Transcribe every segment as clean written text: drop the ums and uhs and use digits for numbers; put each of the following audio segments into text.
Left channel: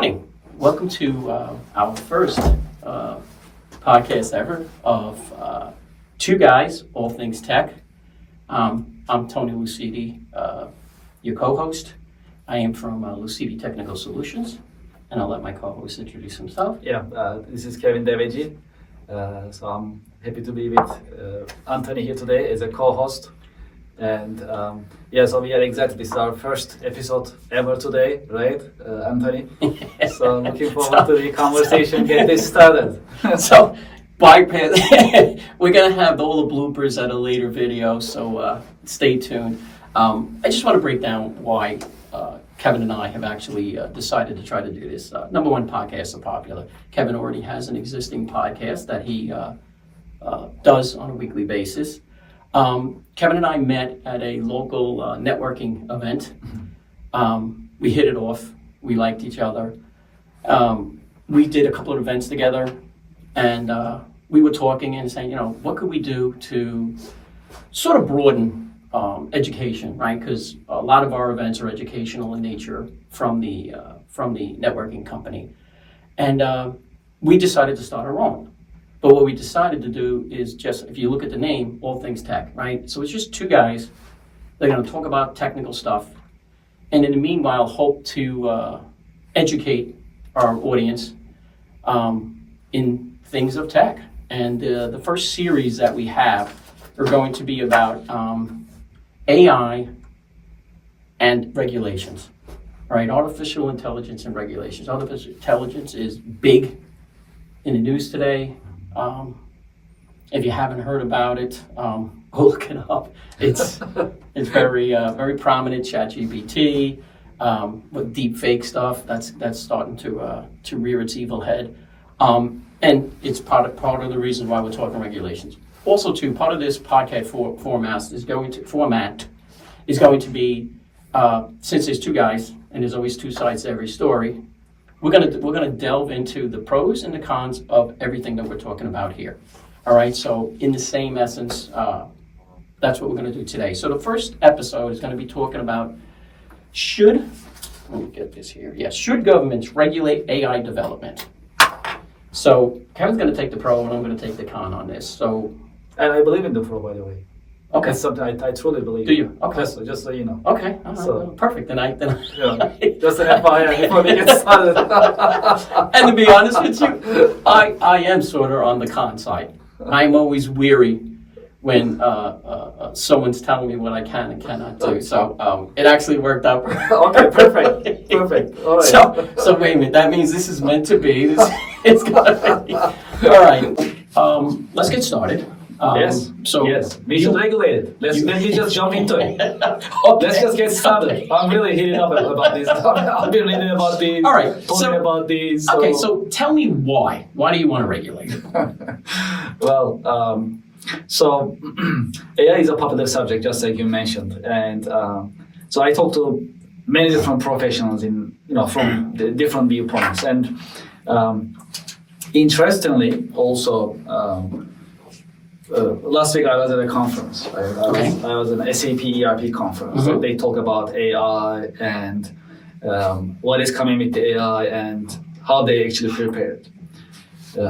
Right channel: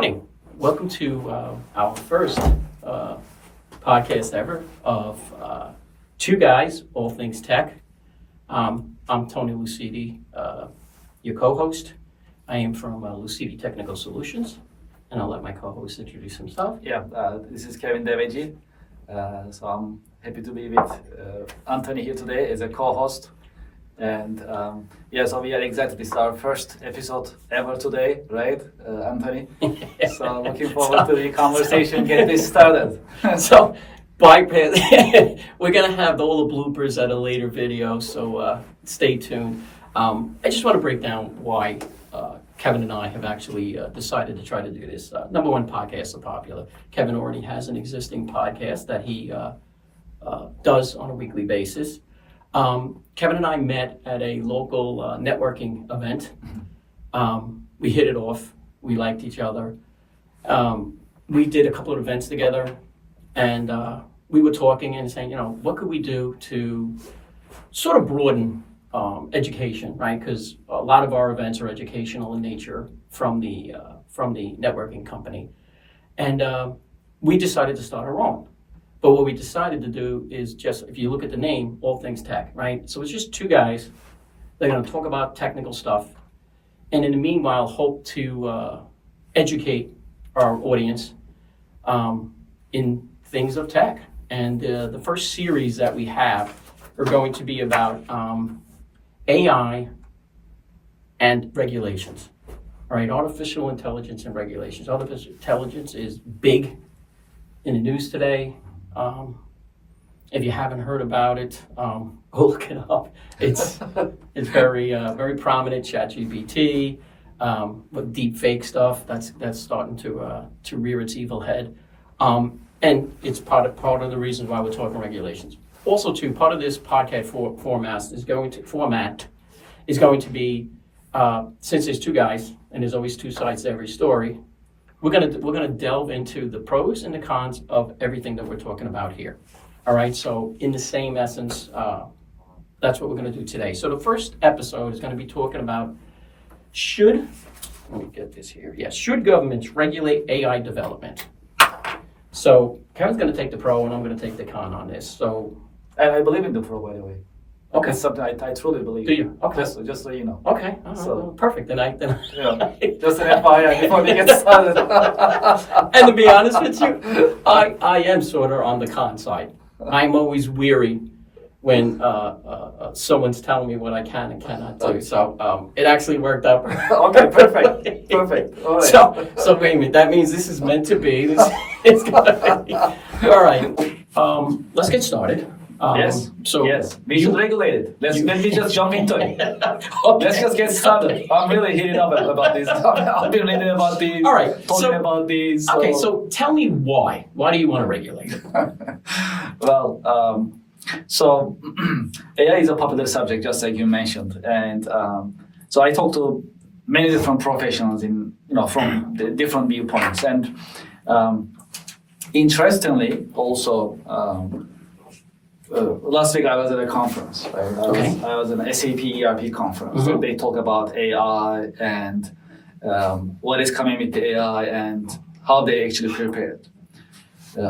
morning. Welcome to our first podcast ever of Two Guys, All Things Tech. I'm Tony Lucidi, your co-host. I am from Lucidi Technical Solutions, and I'll let my co-host introduce himself. This is Kevin Deveji. So I'm happy to be with Anthony here today as a co-host. And so we are excited. This is our first episode ever today, right, Anthony? So looking forward to the conversation, get this started. So, bypass. We're going to have all the bloopers at a later video, so stay tuned. I just want to break down why Kevin and I have actually decided to try to do this. Number one, podcasts are popular. Kevin already has an existing podcast that he does on a weekly basis. Kevin and I met at a local networking event. We hit it off. We liked each other. We did a couple of events together, and we were talking and saying, what could we do to sort of broaden education, right? Because a lot of our events are educational in nature from the networking company. And we decided to start our own. But what we decided to do is just, if you look at the name, All Things Tech, right? So it's just two guys. They're going to talk about technical stuff. And in the meanwhile, hope to educate our audience in things of tech. And the first series that we have are going to be about AI and regulations, right? Artificial intelligence and regulations. Artificial intelligence is big in the news today. If you haven't heard about it, go look it up. It's very very prominent. ChatGPT with deep fake stuff that's starting to rear its evil head, and it's part of the reason why we're talking regulations. Also, too, part of this podcast format is going to be since there's two guys and there's always two sides to every story. We're gonna delve into the pros and the cons of everything that we're talking about here. All right, so in the same essence, that's what we're gonna do today. So the first episode is gonna be talking about should governments regulate AI development? So Kevin's gonna take the pro and I'm gonna take the con on this. So, And I believe in the pro, by the way. okay. That's something I truly believe. Do you? Okay. Just so you know. Okay, all right, So- well, perfect. Then Just an FYI before we get started. And to be honest with you, I am sort of on the con side. I'm always weary when someone's telling me what I can and cannot do. So it actually worked out. Okay, perfect. All right. So wait a minute. That means this is meant to be. It's gonna be. All right. Let's get started. Yes. So We should regulate it. Let me just jump into it. Okay. Let's just get started. I'm really heated up about this. I've been reading about these. All right, Talking so- about these. Okay. So tell me why. Why do you want to regulate it? Well, so AI is a popular subject, just like you mentioned, and so I talked to many different professionals from the different viewpoints, and interestingly, also. Last week I was at a conference. Right? I was at an SAP ERP conference. Mm-hmm. They talk about AI and what is coming with the AI and how they actually prepare it.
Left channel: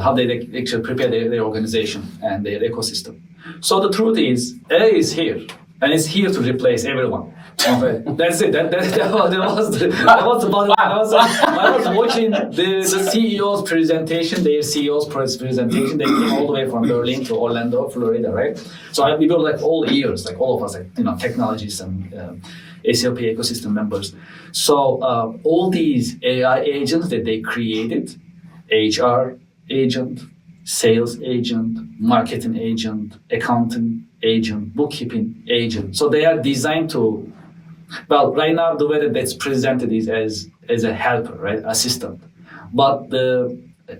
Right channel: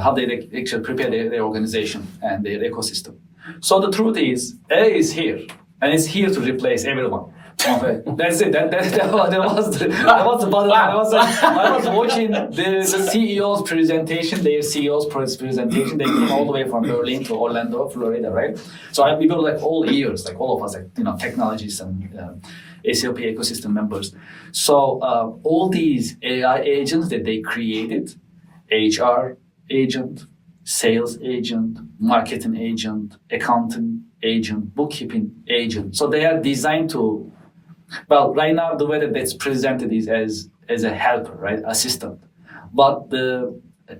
How they actually prepare their organization and their ecosystem. So the truth is, AI is here, and it's here to replace everyone. Okay, that's it. That was the bottom line. I was watching the CEO's presentation, their CEO's presentation. They came all the way from Berlin to Orlando, Florida, right? So we were like all ears, like all of us, technologists and SAP ecosystem members. So all these AI agents that they created, HR agent, sales agent, marketing agent, accounting agent, bookkeeping agent. So they are designed to. Well, right now the way that that's presented is as a helper, right, assistant. But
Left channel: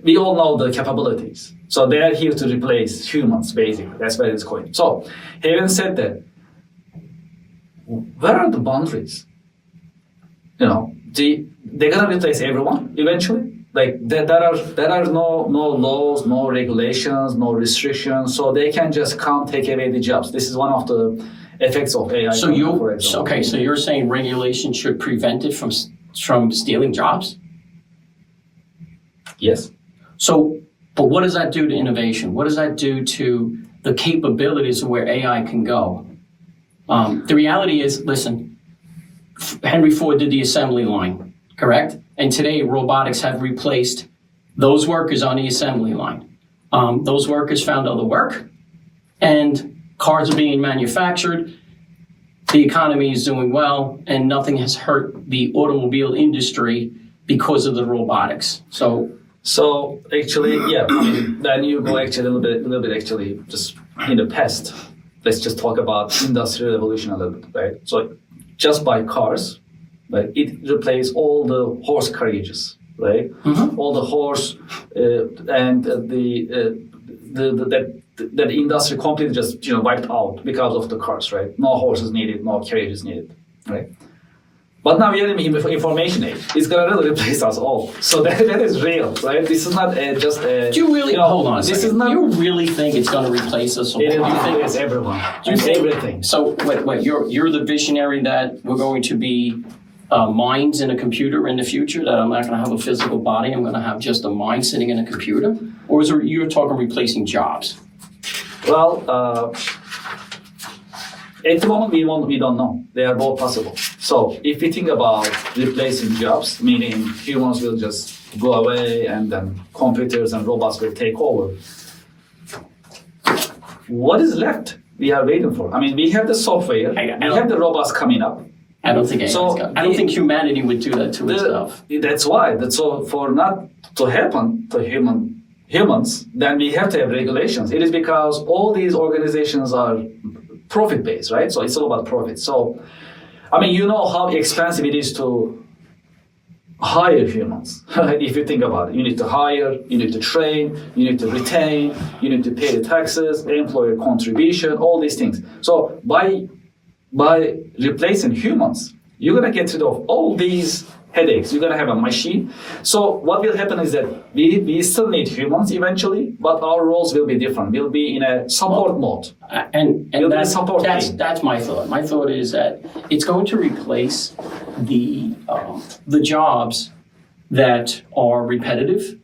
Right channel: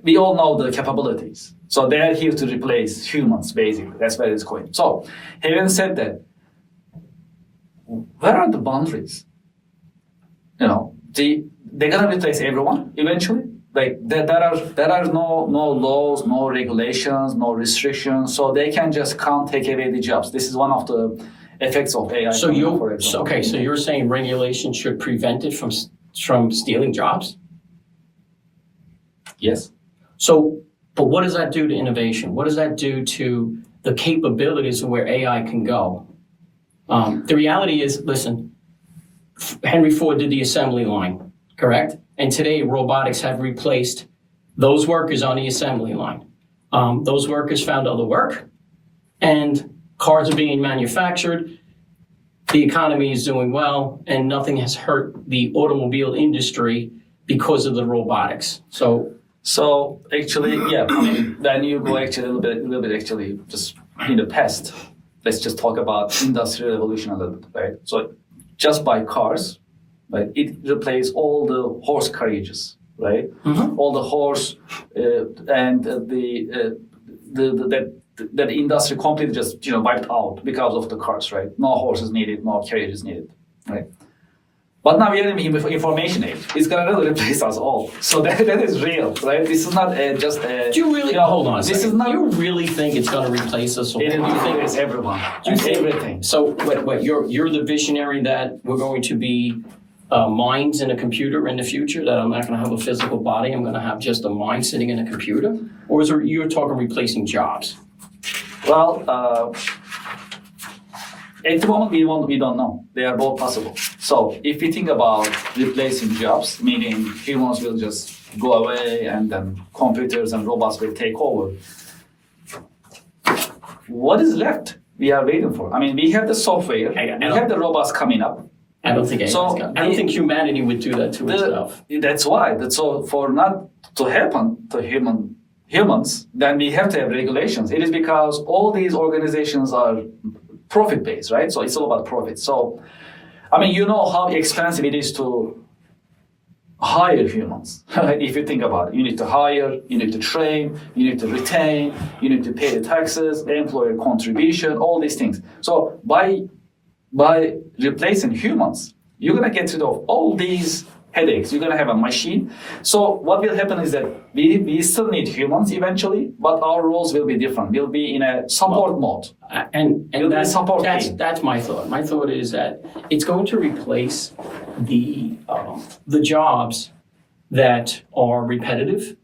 we all know the capabilities. So they are here to replace humans, basically. That's where it's going. So, having said that, where are the boundaries? They're gonna replace everyone eventually. Like there are no laws, no regulations, no restrictions. So they can just come take away the jobs. This is one of the effects of AI. So you're saying regulation should prevent it from stealing jobs? Yes. So, but what does that do to innovation? What does that do to the capabilities of where AI can go? The reality is, listen, Henry Ford did the assembly line, correct? And today, robotics have replaced those workers on the assembly line. Those workers found other work, and cars are being manufactured. The economy is doing well, and nothing has hurt the automobile industry because of the robotics. So actually, yeah, I mean, then you go actually a little bit actually just in the past. Let's just talk about industrial revolution a little bit, right? So just by cars, right, it replaced all the horse carriages, right? Mhm. All the horse and that industry completely just wiped out because of the cars, right? No horses needed, no carriages needed, right? But now we are in the information age. It's gonna really replace us all. So that is real, right? This is not just a. Do you really hold on a This second? is not. You really think it's going to replace us all? It will replace everyone and everything. So, wait, you're the visionary that we're going to be minds in a computer in the future. That I'm not going to have a physical body. I'm going to have just a mind sitting in a computer. Or is it you're talking replacing jobs? Well, at the moment we don't know. They are both possible. So if we think about replacing jobs, meaning humans will just go away and then computers and robots will take over, what is left? We are waiting for. I mean, we have the software, we have the robots coming up. I don't think I don't think humanity would do that to itself. That's why. So for not to happen to humans, then we have to have regulations. It is because all these organizations are profit-based, right? So it's all about profit. So, I mean, you know how expensive it is to hire humans. If you think about it, you need to hire, you need to train, you need to retain, you need to pay the taxes, employer contribution, all these things. So by replacing humans, you're gonna get rid of all these headaches. You're gonna have a machine. So what will happen is that we still need humans eventually, but our roles will be different. We'll be in a support mode. And that's that's my thought. My thought is that it's going to replace the jobs that are repetitive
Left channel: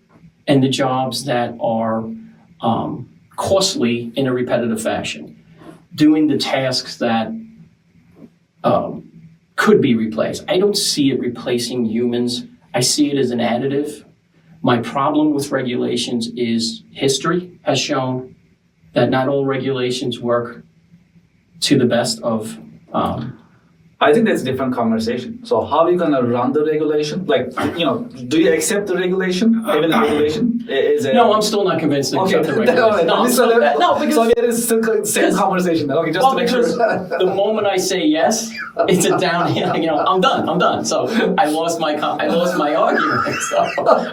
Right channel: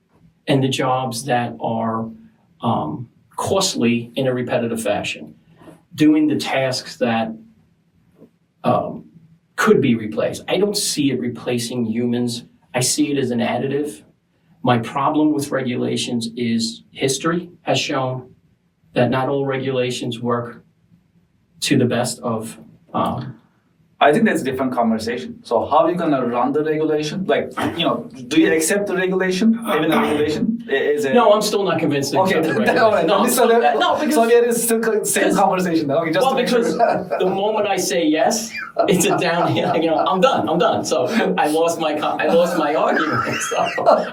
and the jobs that are costly in a repetitive fashion. Doing the tasks that could be replaced. I don't see it replacing humans. I see it as an additive. My problem with regulations is history has shown that not all regulations work to the best of. I think that's a different conversation. So how are you gonna run the regulation? Like, do you accept the regulation? Even the regulation is a... No, I'm still not convinced. To Okay, accept the regulation. all right. No, because so there is still the same conversation. Okay, just to make sure. the moment I say yes, it's a downhill. I'm done. So I lost my argument. So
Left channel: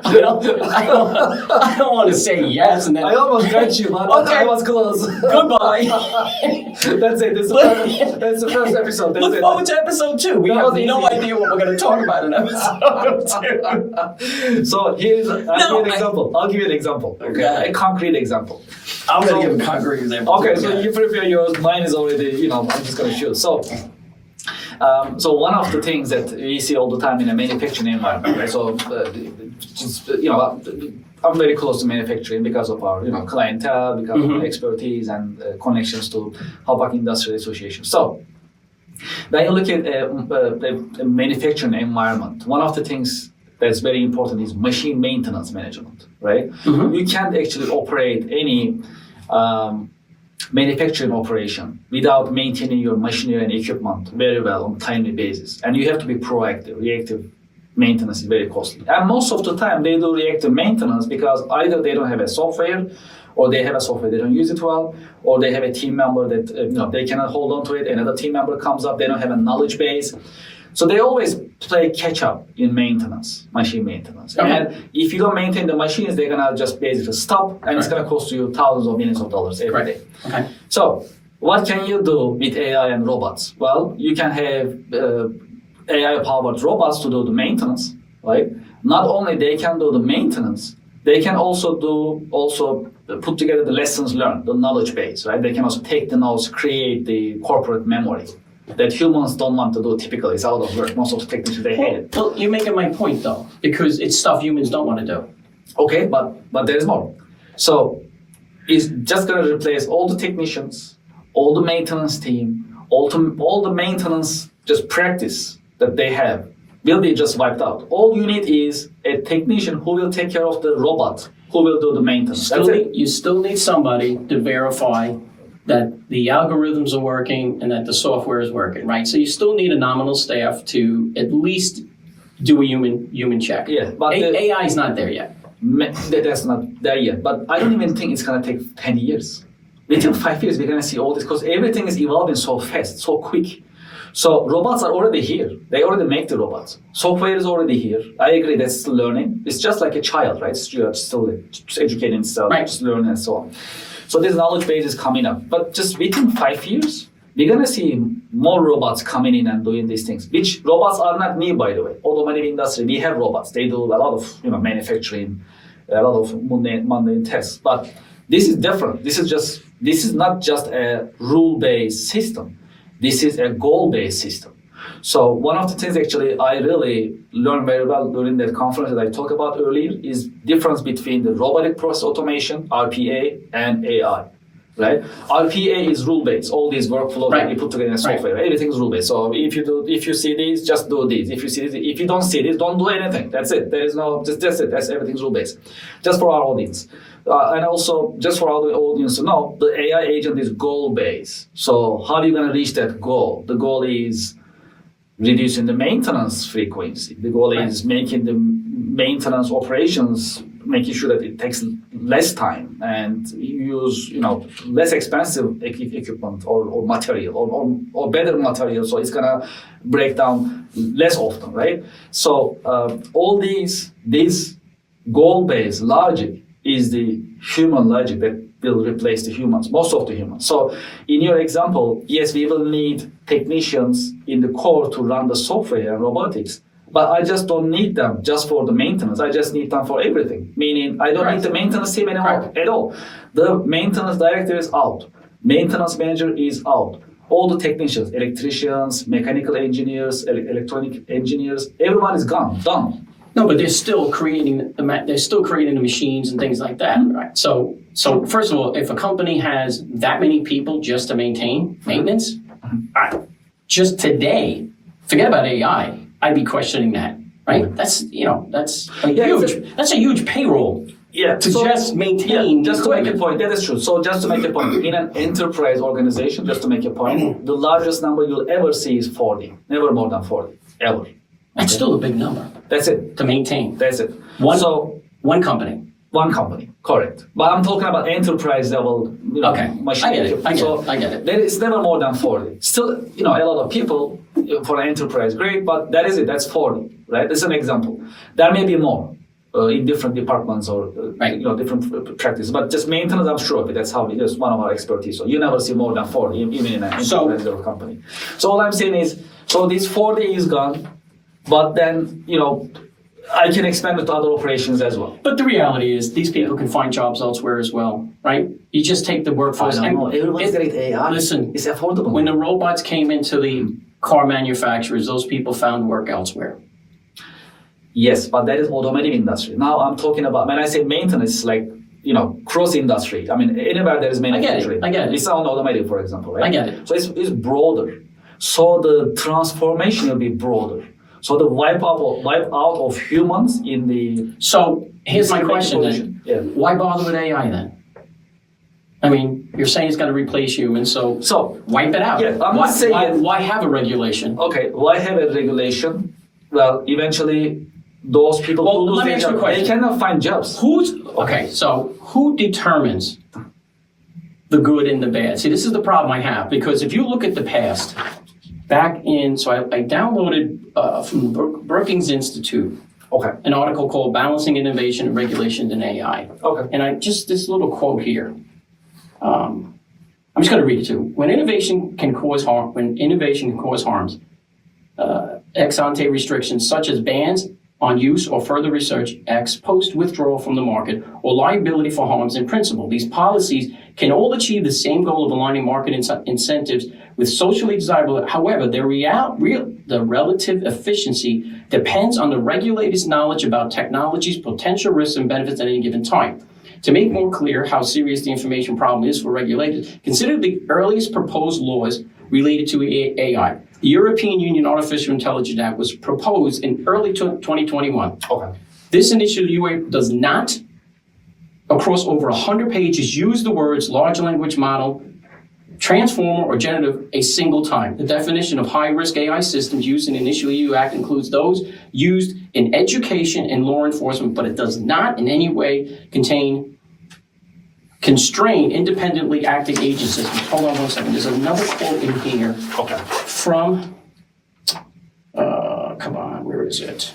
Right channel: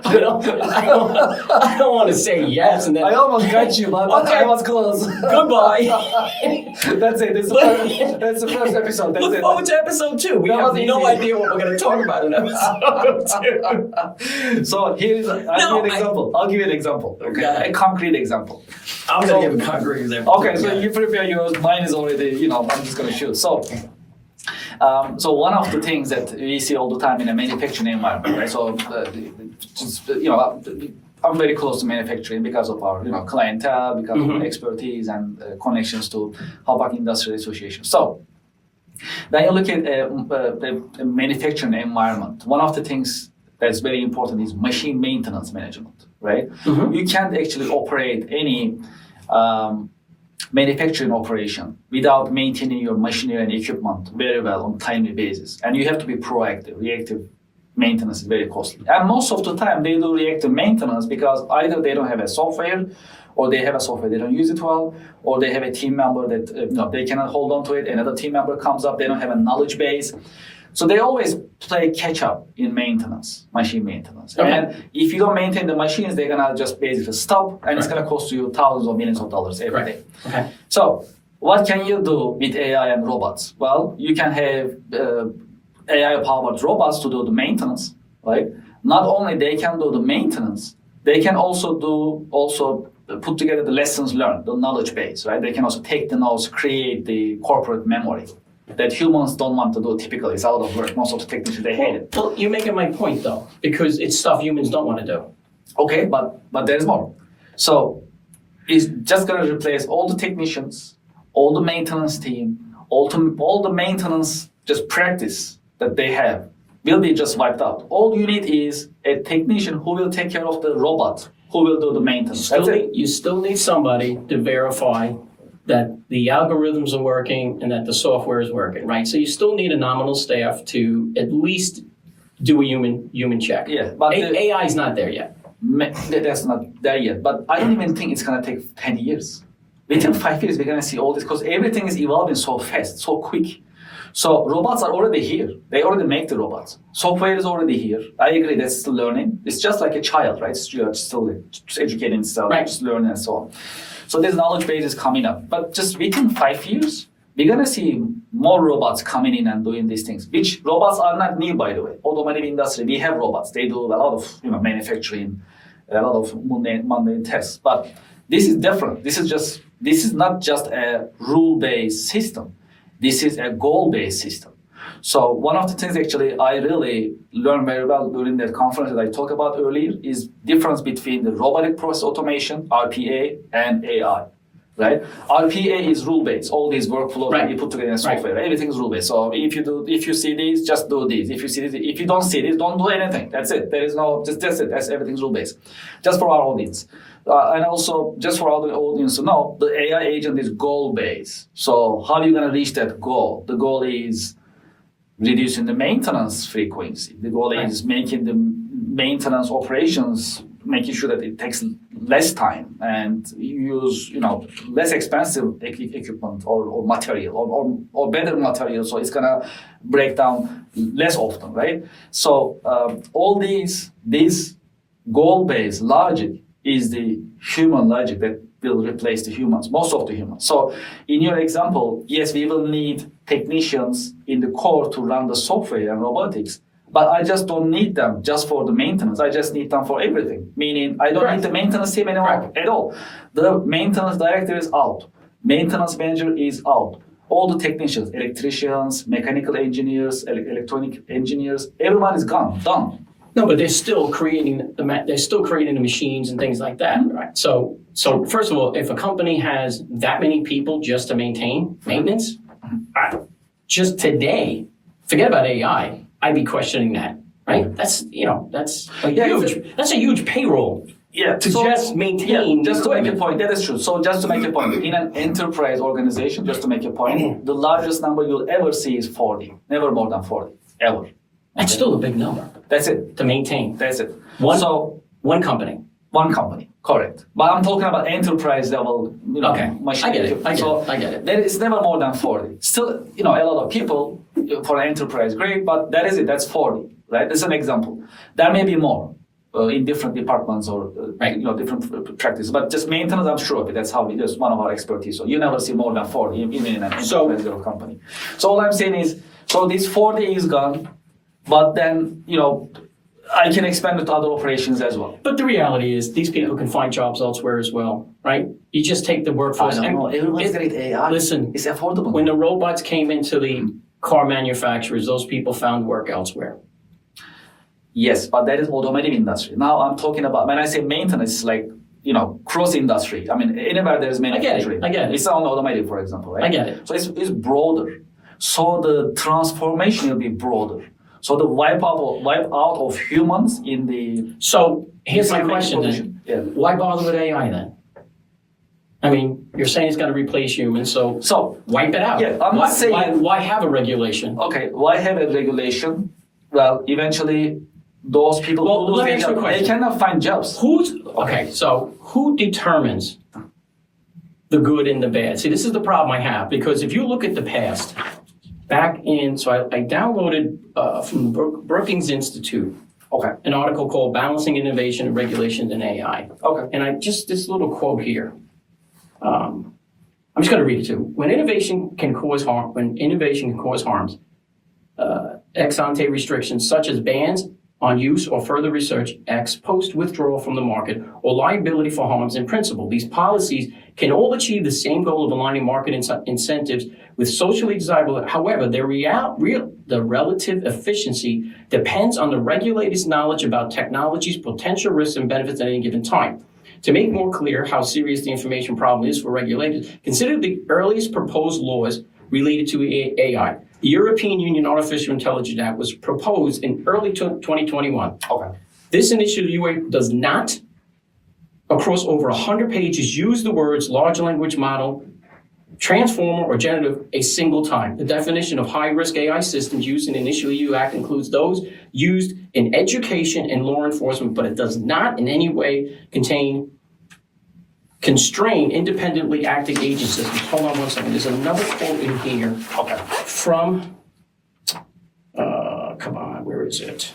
I don't want to say yes and then. I almost got you, but Okay. I was close. Goodbye. That's it. That's the first episode. That's Look it. forward to episode 2. We That have was no easy. idea what we're going to talk about in episode 2. So here's I'll give you an I- example. I'll give you an example. Okay, Okay. a concrete example. I'm So- going to give a concrete example. Okay, so you prepare yours. Mine is already. I'm just going to shoot. So one of the things that we see all the time in a manufacturing environment, right? So I'm very close to manufacturing because of our clientele, because of our expertise and connections to Halpak Industrial Association. So when you look at a manufacturing environment, one of the things that's very important is machine maintenance management, right? You can't actually operate any manufacturing operation without maintaining your machinery and equipment very well on a timely basis. And you have to be proactive. Reactive maintenance is very costly. And most of the time they do reactive maintenance because either they don't have a software, or they have a software, they don't use it well, or they have a team member that they cannot hold on to it, another team member comes up, they don't have a knowledge base. So they always play catch up in maintenance, machine maintenance. Okay. And if you don't maintain the machines, they're gonna just basically stop, and it's gonna cost you thousands or millions of dollars every day. Okay. So what can you do with AI and robots? Well, you can have AI-powered robots to do the maintenance, right? Not only they can do the maintenance, they can also put together the lessons learned, the knowledge base, right? They can also take the notes, create the corporate memory that humans don't want to do typically. It's out of work. Most of the technicians, they hate it. Well, you're making my point though, because it's stuff humans don't want to do. Okay, but there is more. So it's just going to replace all the technicians, all the maintenance team, all the maintenance just practice that they have will be just wiped out. All you need is a technician who will take care of the robot, who will do the maintenance. That's it. You still need somebody to verify that the algorithms are working and that the software is working, right? So you still need a nominal staff to at least do a human check. Yeah, but AI is not there yet. That's not there yet. But I don't even think it's going to take 10 years. Within 5 years, we're going to see all this because everything is evolving so fast, so quick. So robots are already here. They already make the robots. Software is already here. I agree, that's still learning. It's just like a child, right? It's still educating itself, right. Just learning and so on. So this knowledge base is coming up. But just within 5 years, we're going to see more robots coming in and doing these things, which robots are not new, by the way. Automotive industry, we have robots. They do a lot of manufacturing, a lot of mundane tasks. But this is different. This is not just a rule-based system. This is a goal-based system. So one of the things actually I really learned very well during that conference that I talked about earlier is difference between the robotic process automation, RPA, and AI, right? RPA is rule-based. All these workflows that you put together in software, everything is rule-based. So if you see these, just do this. If you don't see this, don't do anything. That's it. There is no, that's it. That's everything's rule-based. Just for our audience. And also, just for our audience to know, the AI agent is goal-based. So how are you going to reach that goal? The goal is reducing the maintenance frequency. The goal is making the maintenance operations, making sure that it takes less time and you use less expensive equipment or material or better material, so it's gonna break down less often, right? So all these goal-based logic is the human logic that will replace the humans, most of the humans. So in your example, yes, we will need technicians in the core to run the software and robotics, but I just don't need them just for the maintenance. I just need them for everything, meaning I don't need the maintenance team anymore at all. The maintenance director is out. Maintenance manager is out. All the technicians, electricians, mechanical engineers, electronic engineers, everyone is gone, done. No, but they're still creating the machines and things like that, right? So first of all, if a company has that many people just to maintain maintenance, just today, forget about AI. I'd be questioning that, right? That's a huge payroll. Yeah, just maintain. Yeah, just to make a point, that is true. So just to make a point, in an enterprise organization, just to make a point, the largest number you'll ever see is 40, never more than 40, ever. That's still a big number. That's it. To maintain. That's it. One company. One company, correct. But I'm talking about enterprise level, machine. I get it. It's never more than 40. Still, a lot of people for an enterprise, great, but that is it. That's 40, right? That's an example. There may be more in different departments or different practices. But just maintenance, I'm sure that's that's one of our expertise. So you never see more than 40 even in an enterprise level company. So all I'm saying is, so this 40 is gone. But then, I can expand it to other operations as well. But the reality is these people can find jobs elsewhere as well, right? You just take the workforce. I don't know. Everyone's getting AI. Listen, it's affordable. When the robots came into the car manufacturers, those people found work elsewhere. Yes, but that is automotive industry. Now I'm talking about, when I say maintenance, it's like, cross industry. I mean, anywhere there is manufacturing. I get it. It's on automotive, for example, right? I get it. So it's broader. So the transformation will be broader. So the wipe out of humans in the... So here's my question then. Yeah. Why bother with AI then? I mean, you're saying it's going to replace humans, so wipe it out. Yeah, I'm not saying... Why have a regulation? Okay, why have a regulation? Well, eventually, those people who lose their jobs, they cannot find jobs. So who determines the good and the bad? See, this is the problem I have, because if you look at the past... I downloaded from the Brookings Institute an article called Balancing Innovation and Regulations in AI. Okay. And this little quote here. I'm just going to read it to you. When innovation can cause harms, ex ante restrictions such as bans on use or further research, ex post withdrawal from the market, or liability for harms in principle. These policies can all achieve the same goal of aligning market incentives with socially desirable. However, the relative efficiency depends on the regulator's knowledge about technology's potential risks and benefits at any given time. To make more clear how serious the information problem is for regulators, consider the earliest proposed laws related to AI. The European Union Artificial Intelligence Act was proposed in early 2021. Okay. This initial UA does not, across over 100 pages, use the words large language model, transformer, or generative a single time. The definition of high-risk AI systems used in the initial EU Act includes those used in education and law enforcement, but it does not in any way constrain independently acting agent systems. Hold on one second. There's another quote in here Okay. from, come on, where is it?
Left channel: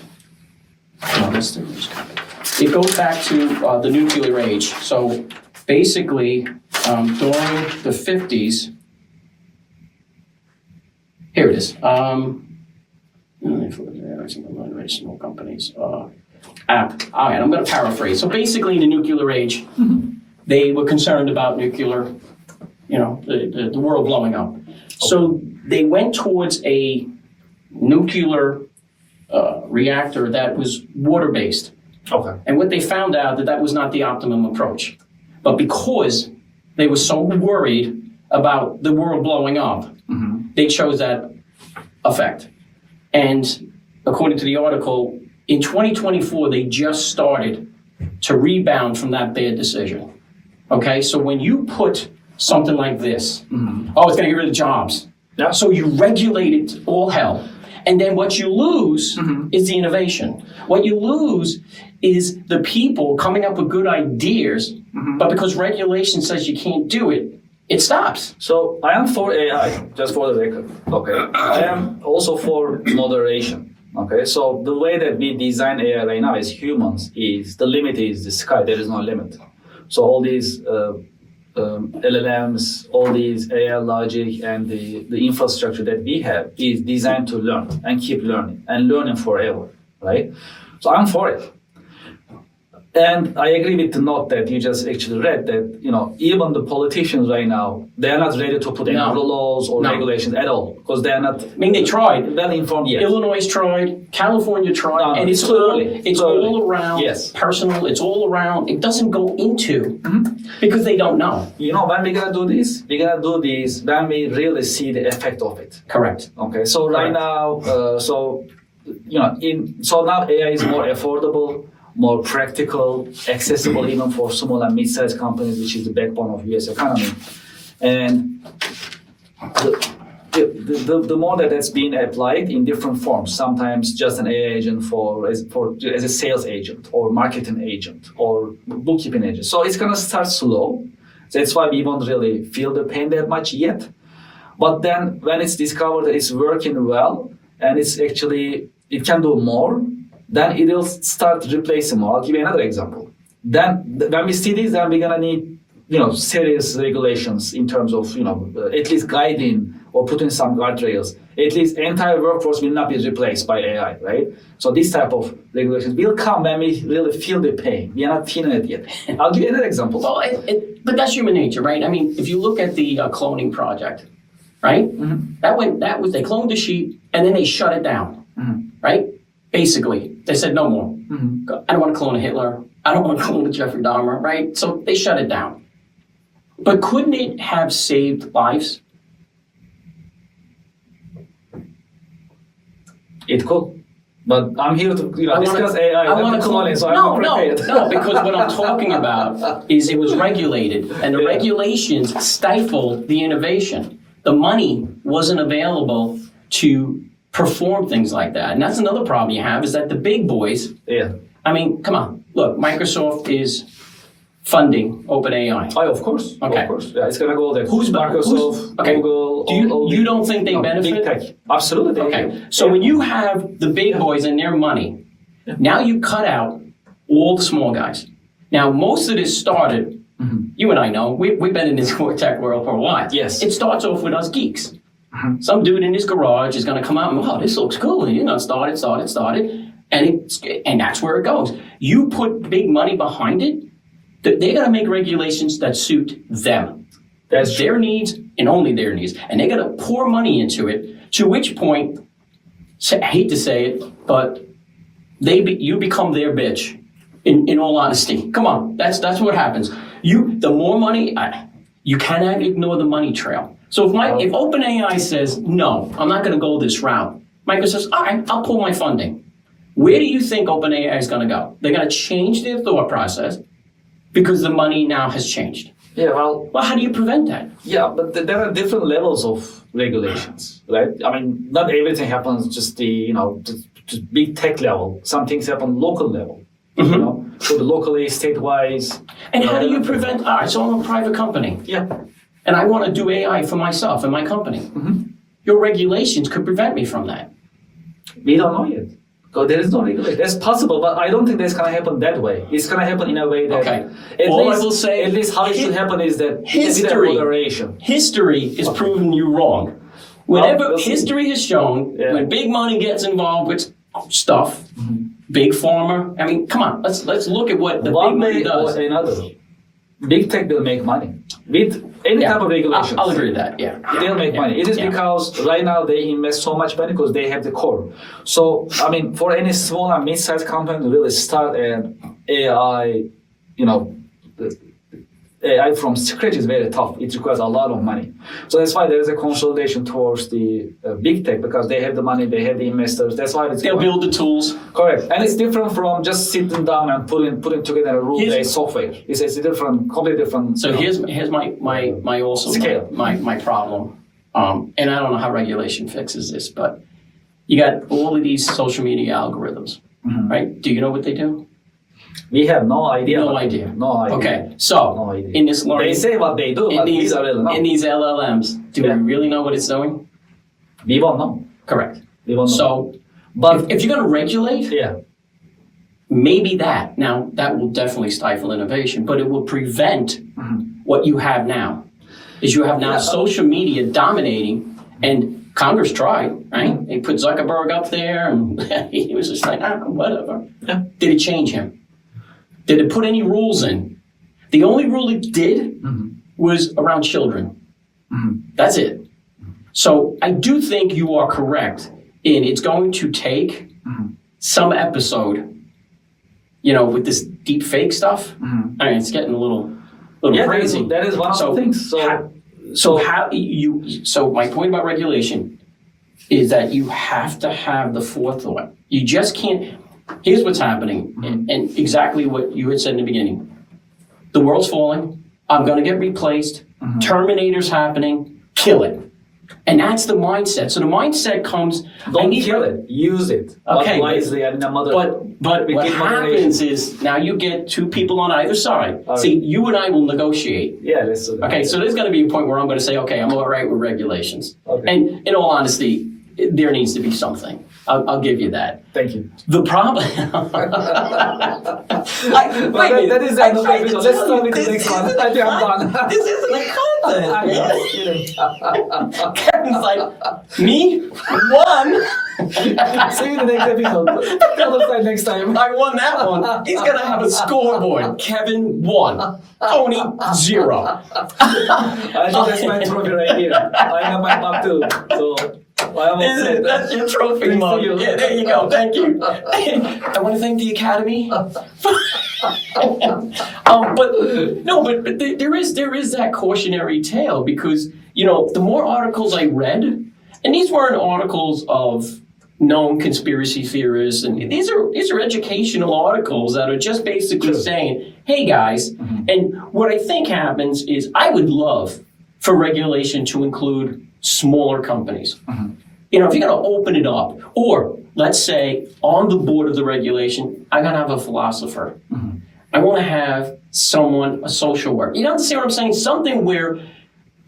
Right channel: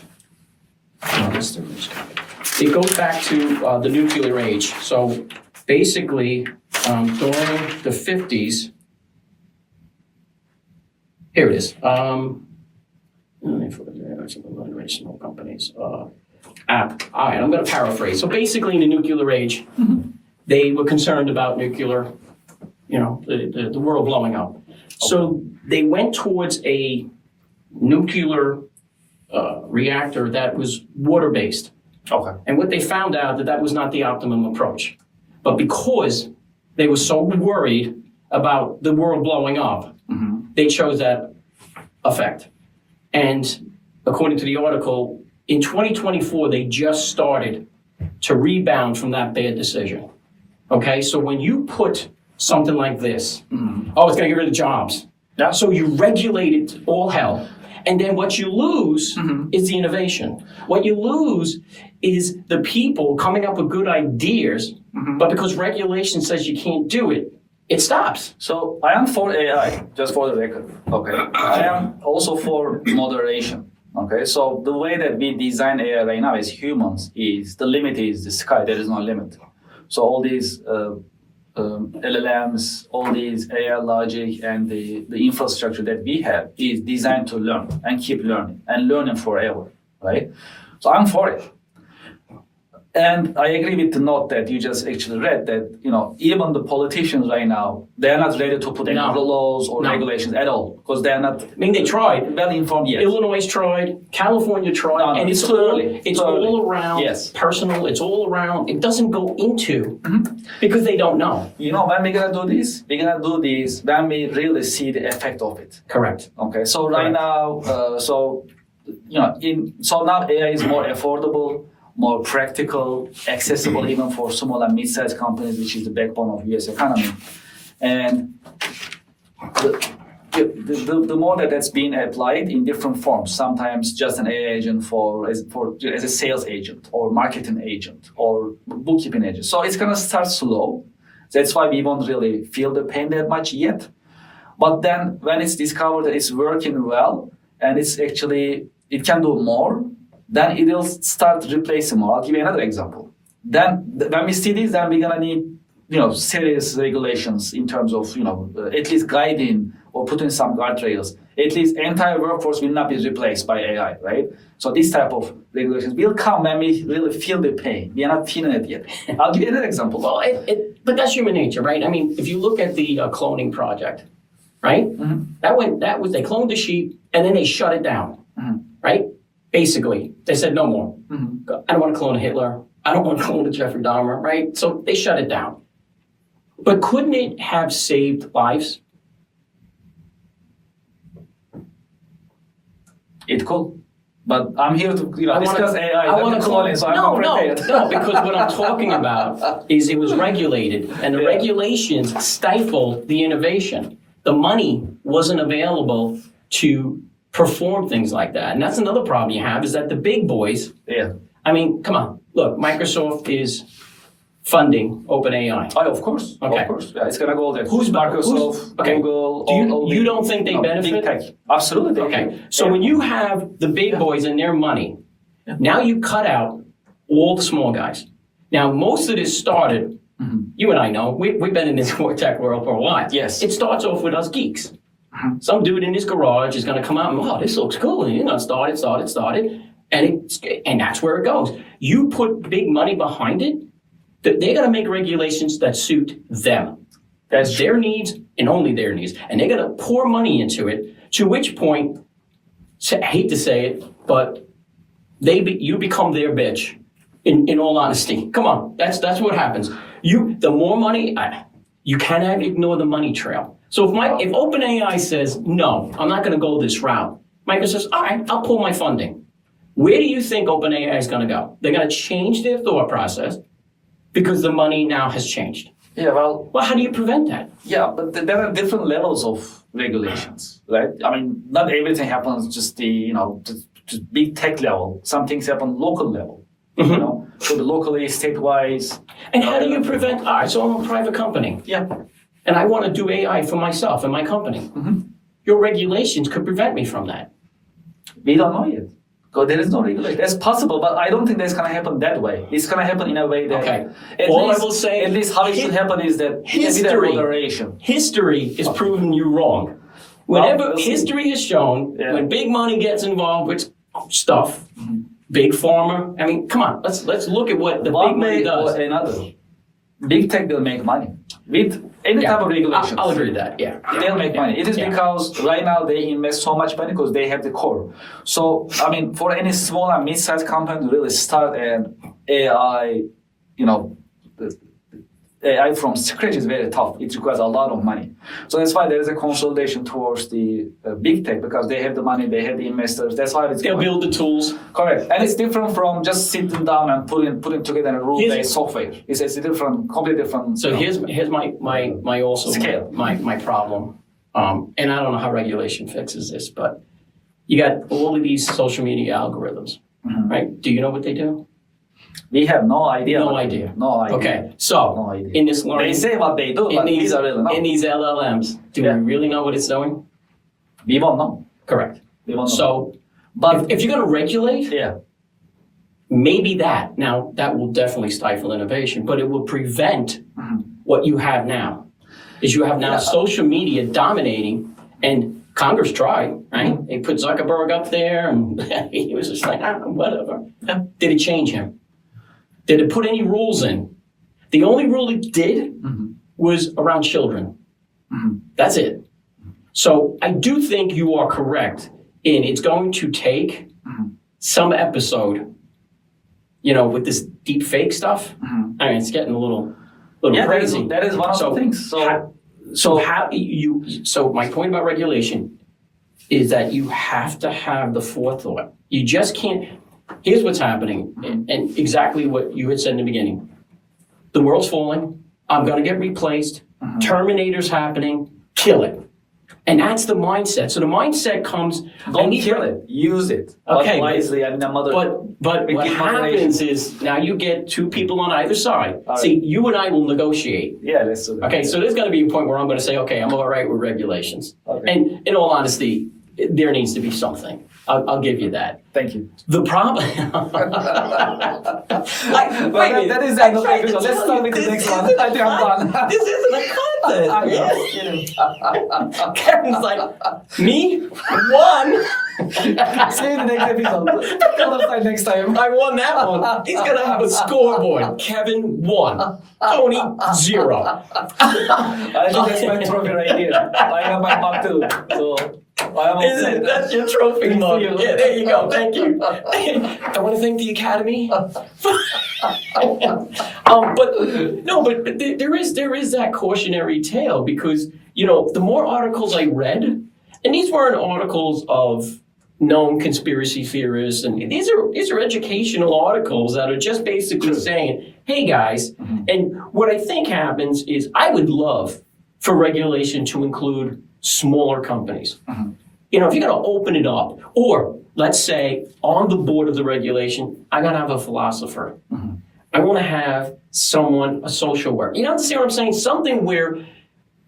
It goes back to the nuclear age. So basically, during the 50s, here it is. Small companies. All right, I'm going to paraphrase. So basically, in the nuclear age, they were concerned about nuclear, the world blowing up. So they went towards a nuclear reactor that was water-based. Okay. And what they found out that was not the optimum approach. But because they were so worried about the world blowing up, they chose that effect. And according to the article, in 2024, they just started to rebound from that bad decision. Okay, so when you put something like this, it's going to get rid of jobs. Yeah. So you regulate it all hell. And then what you lose is the innovation. What you lose is the people coming up with good ideas, but because regulation says you can't do it, it stops. So I am for AI, just for the record. Okay. I am also for moderation. Okay. So the way that we design AI right now as humans is the limit is the sky. There is no limit. So all these LLMs, all these AI logic, and the infrastructure that we have is designed to learn and keep learning and learning forever, right? So I'm for it. And I agree with the note that you just actually read that, even the politicians right now, they're not ready to put any laws or regulations at all because they're not. I mean, they tried. Well informed yet. Illinois tried, California tried, and it's too early. It's all around personal. It's all around. It doesn't go into because they don't know. When we're gonna do this, we're gonna do this when we really see the effect of it. Correct. Okay. So right now, so now AI is more affordable, more practical, accessible even for small and mid-sized companies, which is the backbone of U.S. economy. And the more that's being applied in different forms, sometimes just an AI agent as a sales agent or marketing agent or bookkeeping agent. So it's going to start slow. That's why we won't really feel the pain that much yet. But then when it's discovered that it's working well and it can do more, then it will start replacing more. I'll give you another example. Then when we see this, then we're gonna need, serious regulations in terms of, at least guiding or putting some guardrails. At least entire workforce will not be replaced by AI, right? So this type of regulations will come when we really feel the pain. We are not feeling it yet. I'll give you another example. Well, but that's human nature, right? I mean, if you look at the cloning project, right? They cloned the sheep and then they shut it down, right? Basically, they said no more. I don't want to clone a Hitler. I don't want to clone a Jeffrey Dahmer, right? So they shut it down. But couldn't it have saved lives? It could. But I'm here to discuss AI. Cloning, so I'm not prepared. No, because what I'm talking about is it was regulated, and the regulations stifled the innovation. The money wasn't available to perform things like that. And that's another problem you have is that the big boys, I mean, come on, look, Microsoft is funding OpenAI. Oh, of course. Okay. Of course. Yeah, it's going to go there. Microsoft, Google, you don't think they benefit? Big tech. Absolutely. Okay. So when you have the big boys and their money, now you cut out all the small guys. Now, most of this started, you and I know, we've been in this tech world for a while. Yes. It starts off with us geeks. Some dude in his garage is going to come out and, this looks cool. And started. And that's where it goes. You put big money behind it, they're going to make regulations that suit them. That's their needs and only their needs. And they're going to pour money into it, to which point, I hate to say it, but you become their bitch. In all honesty, come on, that's what happens. The more money, you cannot ignore the money trail. So if OpenAI says no, I'm not going to go this route, Microsoft says, all right, I'll pull my funding. Where do you think OpenAI is going to go? They're going to change their thought process because the money now has changed. Yeah, well, how do you prevent that? yeah, but there are different levels of regulations, right? I mean, not everything happens just just big tech level. Some things happen local level, so the locally, state-wise. And how do you prevent? All right, so I'm a private company. Yeah. And I want to do AI for myself and my company. Your regulations could prevent me from that. We don't know yet. So there is no regulation. That's possible, but I don't think that's going to happen that way. It's going to happen in a way that, Okay. All I will say, at least how it should happen is that history, moderation. history is proving you wrong. Whenever Well, history has shown, when big money gets involved with stuff, big pharma. I mean, come on, let's look at what the big One money way does. or another, big tech will make money with any type of regulation. I'll agree with that. Yeah, They'll make money. It is Yeah. because right now they invest so much money because they have the core. So, I mean, for any small and mid-sized company to really start an AI, AI from scratch is very tough. It requires a lot of money. So that's why there is a consolidation towards the big tech because they have the money, they have the investors. That's why it's they'll build the tools. correct. And it's different from just sitting down and putting together a rule-based software. It's a different, completely different. So here's my also Scale. my problem, and I don't know how regulation fixes this, but you got all of these social media algorithms, right? Do you know what they do? We have no idea. No idea. No idea. Okay, so No idea. in this learning, They say what they do, but we don't really know. in these LLMs, do Yeah. we really know what it's doing? We won't know. Correct. We won't know. So, but if you're going to regulate, yeah, maybe that. Now, that will definitely stifle innovation, but it will prevent what you have now. Is you have now social media dominating, and Congress tried, right? They put Zuckerberg up there, and he was just like, whatever. Yeah. Did it change him? Did it put any rules in? The only rule it did was around children. That's it. So I do think you are correct in it's going to take some episode, with this deep fake stuff. I mean, it's getting a little crazy. That is one of the things. So my point about regulation is that you have to have the forethought. You just can't. Here's what's happening, and exactly what you had said in the beginning. The world's falling. I'm going to get replaced. Terminator's happening. Kill it. And that's the mindset. So the mindset comes. Don't kill it. Use it. Okay, wisely and in a mother. But what happens is now you get two people on either side. All right. See, you and I will negotiate. Yeah, that's Okay, so there's going to be a point where I'm going to say, okay, I'm all right with regulations. Okay. And in all honesty, there needs to be something. I'll give you that. Thank you. The problem. That is the end of the video. Let's start with the next one. I think I'm done. This isn't a content. I know. Kevin's like, me? One? See you in the next episode. Other side next time. I won that one. He's going to have a scoreboard. Kevin, 1. Tony, 0. I think that's my trophy right here. I have my mug too. So I am all set. That's your trophy mug. you. Yeah, there you go. Thank you. I want to thank the Academy. But there is that cautionary tale because the more articles I read, and these weren't articles of known conspiracy theorists, and these are educational articles that are just basically saying, hey guys, and what I think happens is I would love for regulation to include smaller companies. If you're going to open it up, or let's say on the board of the regulation, I'm going to have a philosopher. I want to have a social worker. You understand what I'm saying? Something where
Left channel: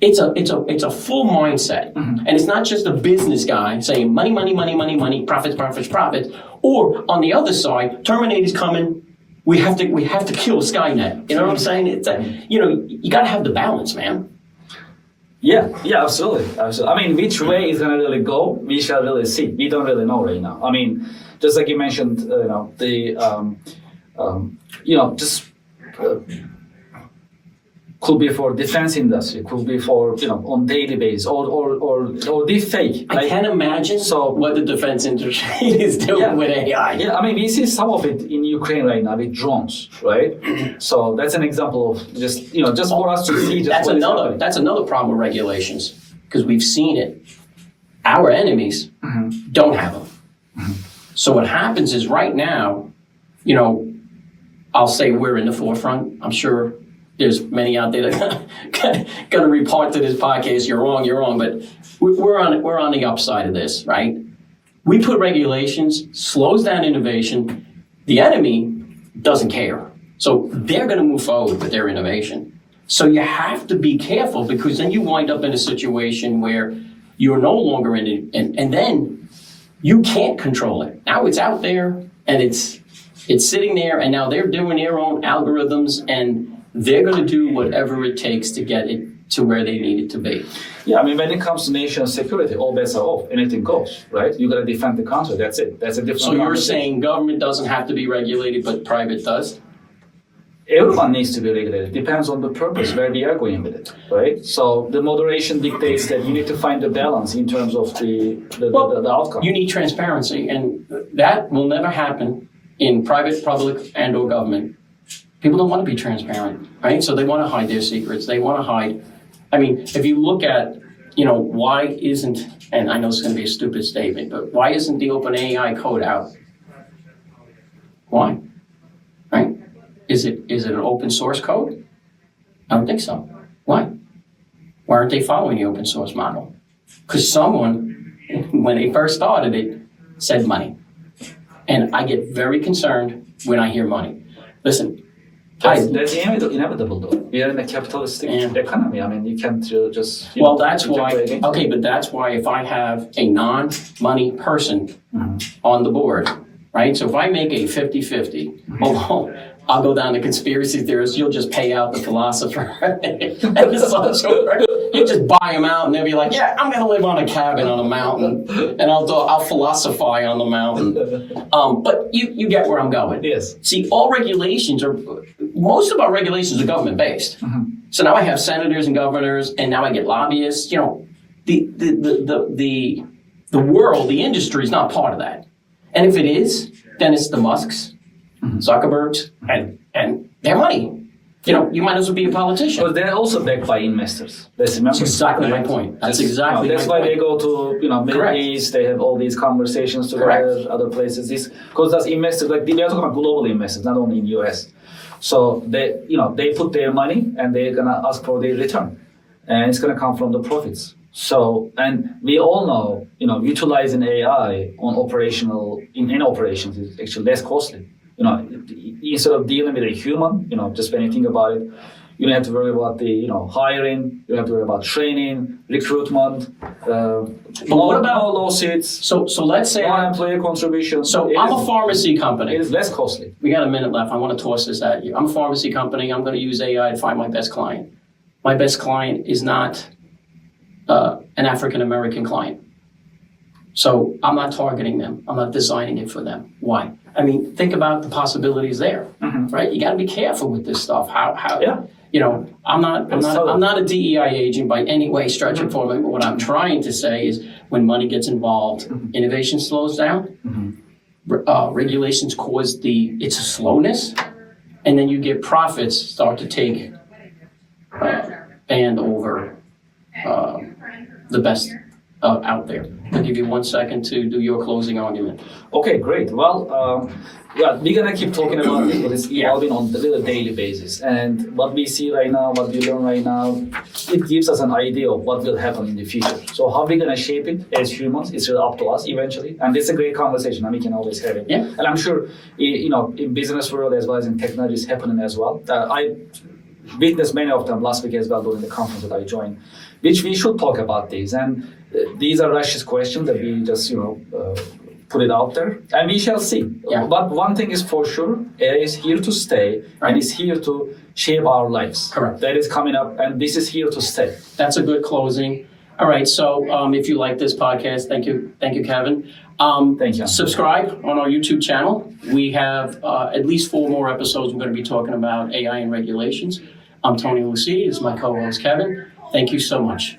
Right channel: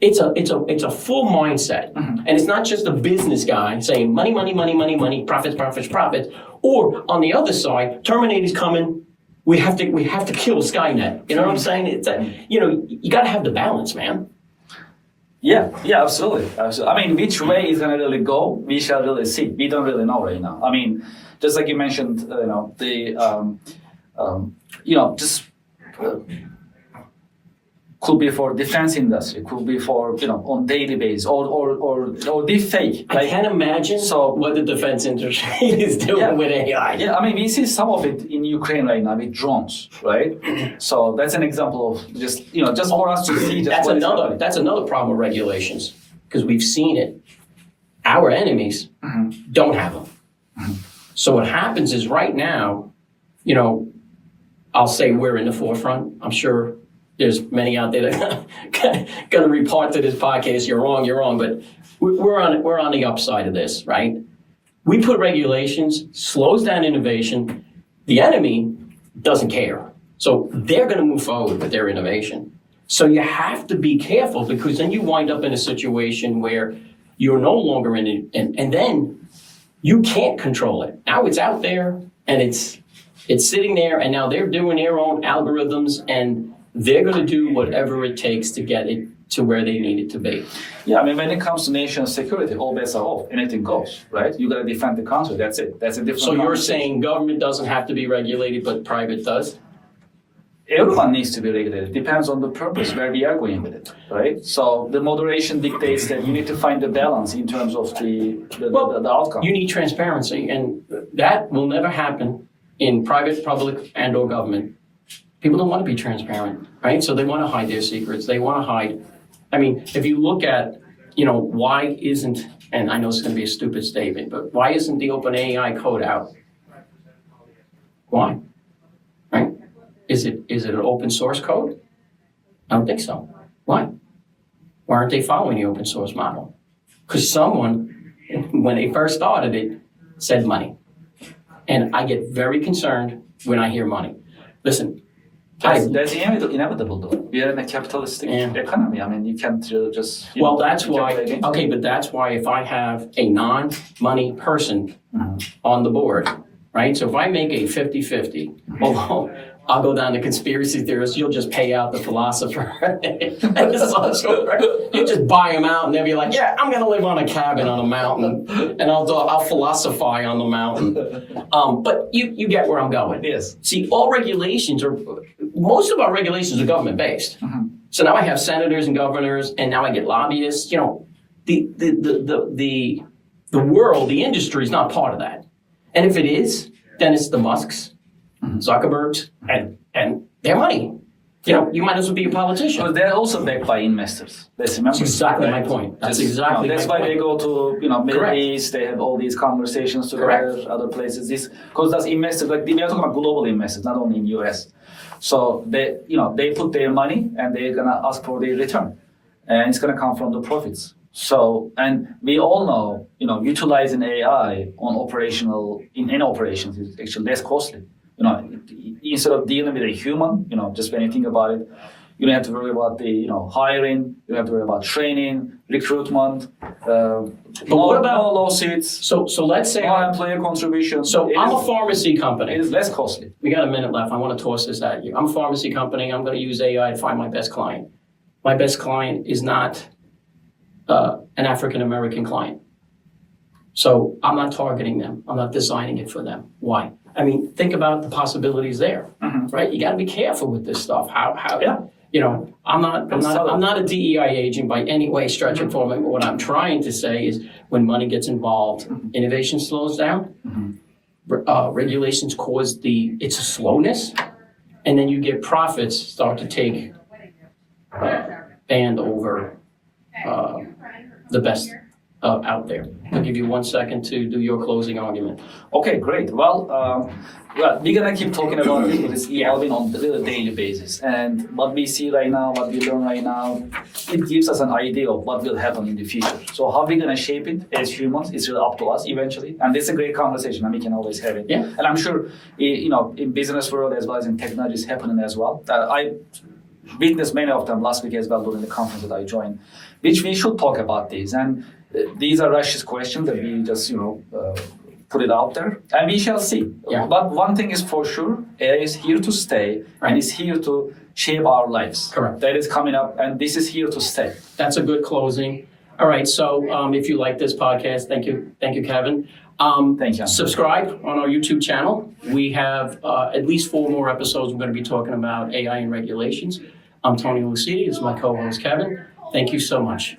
it's a full mindset, and it's not just a business guy saying money, money, money, money, money, profits, profits, profits. Or on the other side, Terminator's coming. We have to kill Skynet. You know what I'm saying? It's you got to have the balance, man. Yeah, absolutely. I mean, which way is gonna really go? We shall really see. We don't really know right now. I mean, just like you mentioned, could be for defense industry, could be for, on daily basis, or deep fake. I can't imagine what the defense industry is doing with AI. Yeah, I mean, we see some of it in Ukraine right now with drones, right? So that's an example of just for us to see. That's another problem with regulations, because we've seen it. Our enemies don't have them. So what happens is right now, I'll say we're in the forefront. I'm sure there's many out there that are going to report to this podcast, you're wrong, but we're on the upside of this, right? We put regulations, slows down innovation. The enemy doesn't care. So they're going to move forward with their innovation. So you have to be careful, because then you wind up in a situation where you're no longer in it, and then you can't control it. Now it's out there, and it's sitting there, and now they're doing their own algorithms, and they're going to do whatever it takes to get it to where they need it to be. Yeah, I mean, when it comes to nation security, all bets are off. Anything goes, right? You got to defend the country. That's it. That's a different. So you're saying government doesn't have to be regulated, but private does? Everyone needs to be regulated. Depends on the purpose, where we are going with it, right? So the moderation dictates that you need to find the balance in terms of the outcome. You need transparency, and that will never happen in private, public, and or government. People don't want to be transparent, right? So they want to hide their secrets. They want to hide. I mean, if you look at, why isn't, and I know it's going to be a stupid statement, but why isn't the OpenAI code out? Why? Right? Is it an open source code? I don't think so. Why? Why aren't they following the open source model? Because someone, when they first started it, said money. And I get very concerned when I hear money. Listen, that's inevitable, though. We are in a capitalistic economy. I mean, you can't just. That's why. Okay, but that's why if I have a non-money person on the board, right? So if I make a 50-50, although I'll go down to conspiracy theorists, you'll just pay out the philosopher. You just buy them out, and they'll be like, "Yeah, I'm going to live on a cabin on a mountain, and I'll philosophize on the mountain." But you get where I'm going. Yes. See, most of our regulations are government based. So now I have senators and governors, and now I get lobbyists. The world, the industry is not part of that. And if it is, then it's the Musks, Zuckerbergs, and their money. You might as well be a politician. But they're also backed by investors. Let's remember. That's exactly my point. That's exactly that's my why point. they go to Middle Correct. East. They have all these conversations together. Correct. Other places. Because that's investors. Like we are talking about global investors, not only in US. So they put their money and they're gonna ask for their return, and it's gonna come from the profits. So, and we all know, utilizing AI in any operations is actually less costly. Instead of dealing with a human, just when you think about it, you don't have to worry about the, hiring, you don't have to worry about training, recruitment, what about no lawsuits, So let's say no employer contribution. So I'm a pharmacy company. It is less costly. We got a minute left. I want to toss this at you. I'm a pharmacy company. I'm going to use AI to find my best client. My best client is not an African-American client. So I'm not targeting them. I'm not designing it for them. Why? I mean, think about the possibilities there, right? You got to be careful with this stuff. I'm not a DEI agent by any way, stretch or form. What I'm trying to say is, when money gets involved, innovation slows down. Regulations cause it's a slowness, and then you get profits start to take band over the best out there. I'll give you 1 second to do your closing argument. Okay, great. Well, we're gonna keep talking about it, but it's evolving on a daily basis. And what we see right now, what we learn right now, it gives us an idea of what will happen in the future. So how we're gonna shape it as humans, it's really up to us eventually. And it's a great conversation, and we can always have it. Yeah. And I'm sure, in business world as well as in technology, is happening as well. I witnessed many of them last week as well during the conference that I joined, which we should talk about these. And these are Russia's questions that we just, put it out there, and we shall see. Yeah. But one thing is for sure, AI is here to stay, and is here to shape our lives. Correct. That is coming up, and this is here to stay. That's a good closing. All right, so if you like this podcast, thank you, Kevin. Thank you. Subscribe on our YouTube channel. We have at least 4 more episodes. We're going to be talking about AI and regulations. I'm Tony Lucidi. This is my co-host, Kevin. Thank you so much.